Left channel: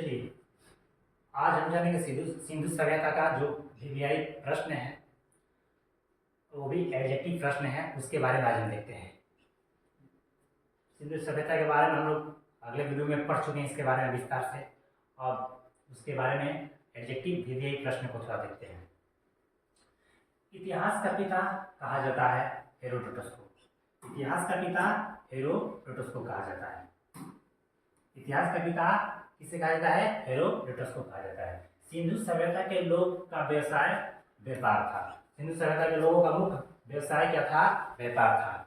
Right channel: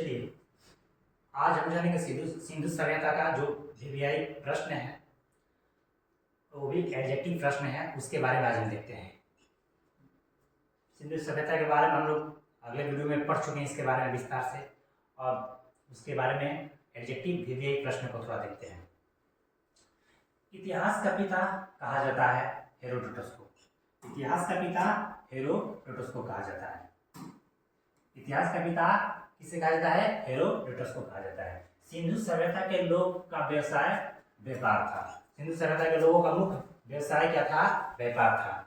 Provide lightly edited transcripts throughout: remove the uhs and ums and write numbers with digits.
चलिए, आज हम जानेंगे सिंधु सिंधु सभ्यता का जो वीवीआई प्रश्न है, वो भी एडजेक्टिव प्रश्न है, उसके बारे में आज हम देखते हैं। सिंधु सभ्यता के बारे में हम लोग अगले वीडियो में पढ़ चुके हैं, इसके बारे में विस्तार से, और उसके बारे में एडजेक्टिव वीवीआई प्रश्न को थोड़ा देखते हैं। इतिहास का पिता कहा जाता है हेरोडोटस को। इतिहास का पिता हेरोडोटस को कहा जाता है। इतिहास का पिता किसे कहा जाता है? हेरोडोटस को कहा जाता है। सिंधु सभ्यता के लोग का व्यवसाय व्यापार था। सिंधु सभ्यता के लोगों का मुख्य व्यवसाय क्या था? व्यापार था।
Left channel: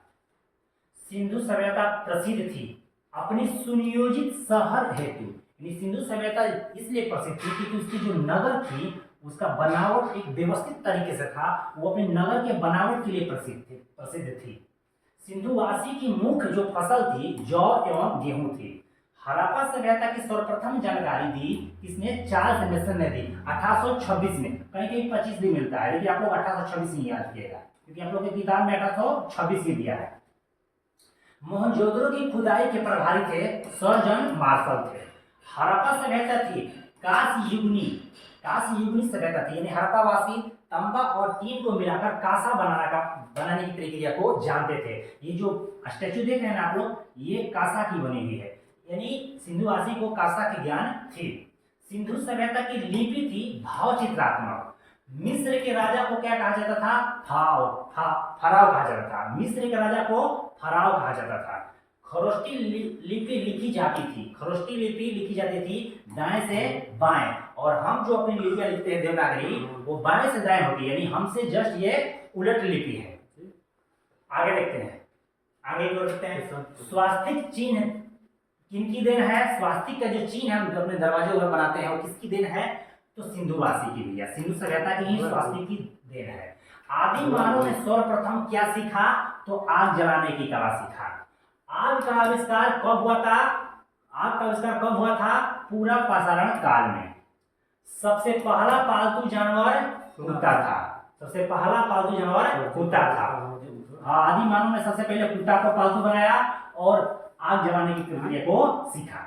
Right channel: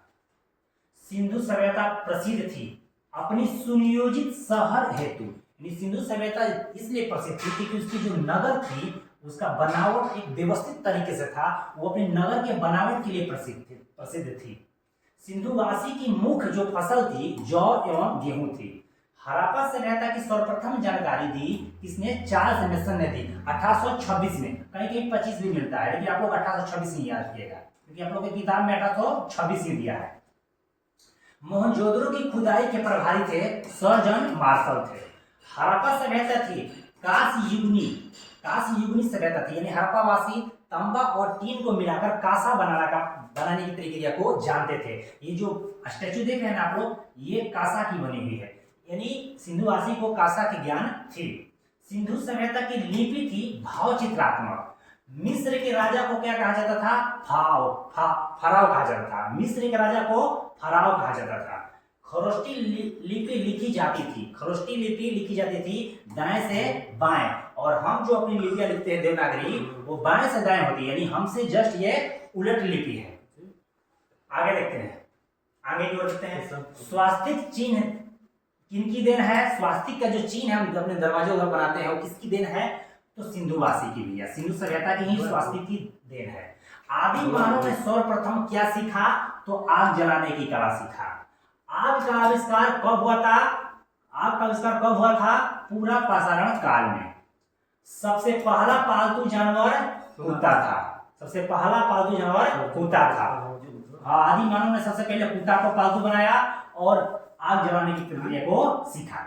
सिंधु सभ्यता प्रसिद्ध थी अपनी सुनियोजित शहर हेतु। सिंधु सभ्यता इसलिए प्रसिद्ध थी क्योंकि उसकी जो नगर थी उसका बनावट एक व्यवस्थित तरीके से था। वो अपने नगर के बनावट के लिए प्रसिद्ध थी। सिंधुवासी की मुख्य जो फसल थी जौ एवं गेहूं थी। हड़प्पा सभ्यता की सर्वप्रथम जानकारी दी किसने? चार्ल्स मेसन ने दी 1826 में। कहीं कहीं 25 भी मिलता है, लेकिन आप लोग 1826 ही याद रखिएगा क्योंकि आप लोग की किताब में 1826 ही दिया है। मोहनजोदड़ो की खुदाई के प्रभारी थे सर जॉन मार्शल थे। हड़प्पा सभ्यता थी कांस्य युगनी सभ्यता थी, यानी हड़प्पावासी तांबा और टीन को मिलाकर कांसा बनाने की प्रक्रिया को जानते थे। ये जो स्टैचू देख रहे हैं ना आप लोग, ये कांसा की बनी हुई है, यानी सिंधुवासी को कांसा की ज्ञान थी। सिंधु सभ्यता की लिपि थी भावचित्रात्मक। मिस्र के राजा को क्या कहा जाता था? फराव कहा जाता था। मिस्र के राजा को फराव कहा जाता था। खरोष्टी लिपि लिखी जाती थी। खरोष्टी लिपि लिखी जाती थी दाएं से बाएं, और हम जो अपनी लिपियां लिखते हैं देवनागरी, वो बाएं से दाएं होती है, यानी हमसे जस्ट ये उलट लिपि है। आगे देखते हैं, आगे की ओर देखते हैं। स्वास्तिक चिन्ह किनकी देन है? स्वास्तिक का जो चिन्ह हम अपने दरवाजे पर बनाते हैं वो किसकी देन है? तो सिंधुवासी की भैया, सिंधु सभ्यता की ही स्वास्तिक की देन है। आदि मानव ने सर्वप्रथम क्या सीखा? तो आग जलाने की कला सीखा। आग का आविष्कार कब हुआ था? आग का आविष्कार कब हुआ था? पूरा पाषाण काल में। सबसे पहला पालतू जानवर कुत्ता था। सबसे पहला पालतू जानवर कुत्ता था। आदि मानव ने सबसे पहले कुत्ता को पालतू बनाया और आग जलाने की प्रक्रिया को सीखा।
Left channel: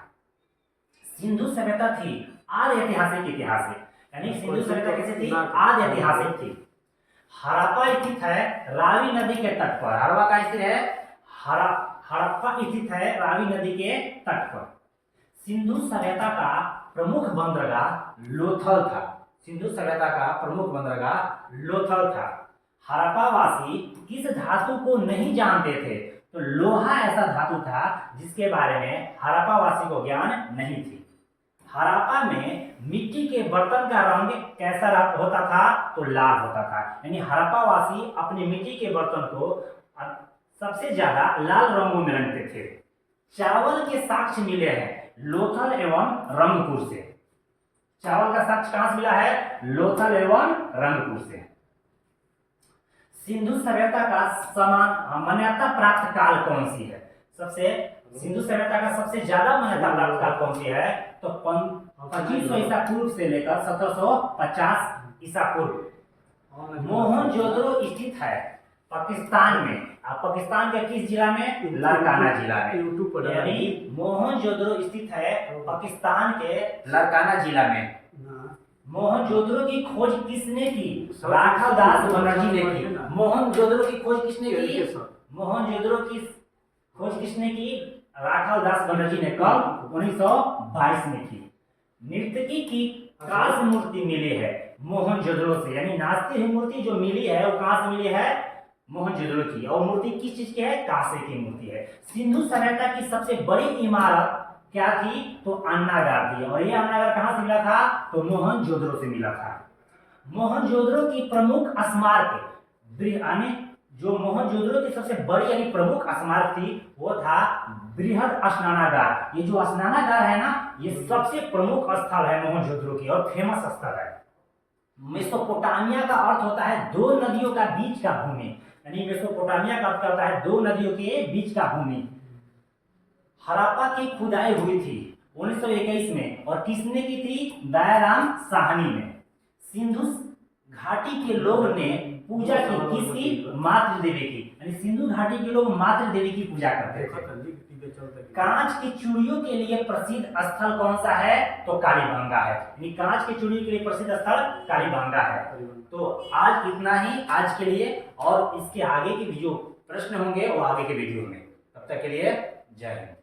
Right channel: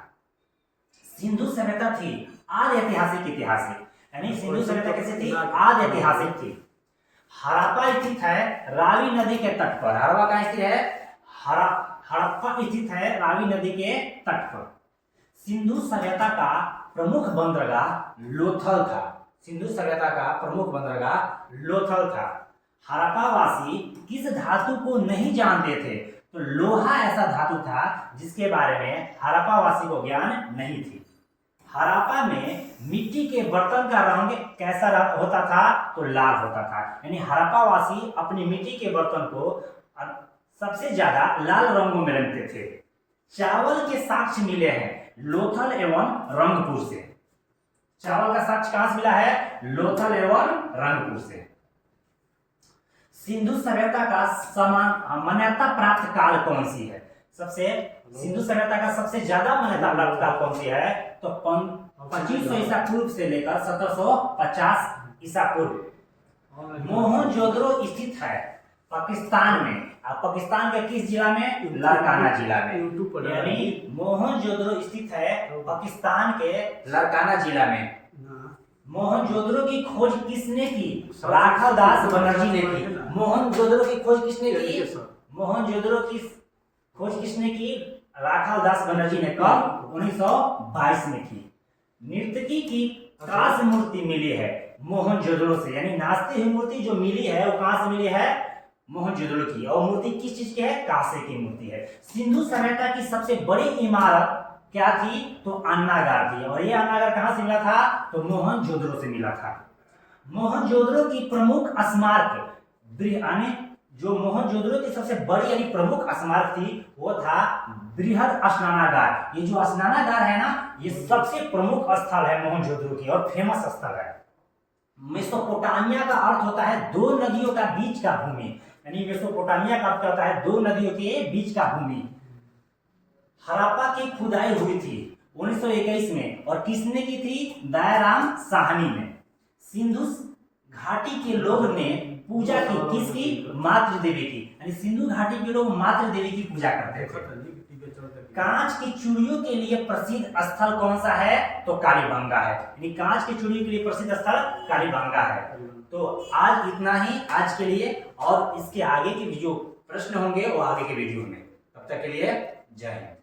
सिंधु सभ्यता थी आदि ऐतिहासिक इतिहास है, यानी सिंधु सभ्यता कैसे थी? आदि ऐतिहासिक थी। हड़प्पा स्थित है रावी नदी के तट पर। हड़प्पा कहाँ स्थित है? हड़प्पा स्थित है रावी नदी के तट पर। सिंधु सभ्यता का प्रमुख बंदरगाह लोथल था। सिंधु सभ्यता का प्रमुख बंदरगाह लोथल था। हड़प्पावासी किस धातु को नहीं जानते थे? तो लोहा ऐसा धातु था जिसके बारे में हड़प्पावासी को ज्ञान नहीं थी। हड़प्पा में मिट्टी के बर्तन का रंग कैसा होता था? तो लाल होता था, यानी हड़प्पावासी अपनी मिट्टी के बर्तन को सबसे ज्यादा लाल रंगों में रंगते थे। चावल के साक्ष्य मिले हैं लोथल एवं रंगपुर से। चावल का साक्ष्य कहां से मिला है? लोथल एवं रंगपुर से। सिंधु सभ्यता का समान मान्यता प्राप्त काल कौन सी है? सिंधु सभ्यता का सबसे ज्यादा मान्यता प्राप्त काल कौन सी है? तो 2500 ईसा पूर्व से लेकर 1750 ईसा पूर्व। मोहनजोदड़ो स्थित है पाकिस्तान में। पाकिस्तान के किस जिला में? लारकाना जिला में। यानी मोहनजोदड़ो स्थित है पाकिस्तान के लारकाना जिला में। मोहनजोदड़ो की खोज किसने की? राघव दास बनर्जी ने की। मोहनजोदड़ो की खोज किसने की? मोहनजोदड़ो की खोज किसने की? राघव दास बनर्जी ने कब? 1922 में की। नर्तकी की कांस्य मूर्ति मिली है मोहनजोदड़ो से, यानी नाचती हुई मूर्ति जो मिली है वो कहां से मिली है? मोहनजोदड़ो की। और मूर्ति किस चीज की है? कांसे की मूर्ति है। सिंधु सभ्यता की सबसे बड़ी इमारत क्या थी? तो अन्नागार थी, और ये अन्नागार कहां से मिला था? तो मोहनजोदड़ो से मिला था। मोहनजोदड़ो की प्रमुख स्मारक जो मोहनजोदड़ो की सबसे बड़ी यानी प्रमुख स्मारक थी वो था बृहद स्नानागार। ये जो स्नानागार है ना, ये सबसे प्रमुख स्थल है मोहनजोदड़ो की और फेमस स्थल है। मेसोपोटामिया का अर्थ होता है दो नदियों का बीच का भूमि, यानी मेसोपोटामिया का अर्थ होता है दो नदियों के बीच का भूमि। हड़प्पा की खुदाई हुई थी 1921 में, और किसने की थी? दयाराम साहनी ने। सिंधु घाटी के लोग ने पूजा की किसकी? मातृ देवी की, यानी सिंधु घाटी के लोग मातृ देवी की पूजा करते थे। कांच की चूड़ियों के लिए प्रसिद्ध स्थल कौन सा है? तो कालीबंगा है। यानी कांच की चूड़ियों के लिए प्रसिद्ध स्थल कालीबंगा है। तो आज इतना ही आज के लिए, और इसके आगे के जो प्रश्न होंगे वो आगे के वीडियो में। तब तक के लिए जय हिंद।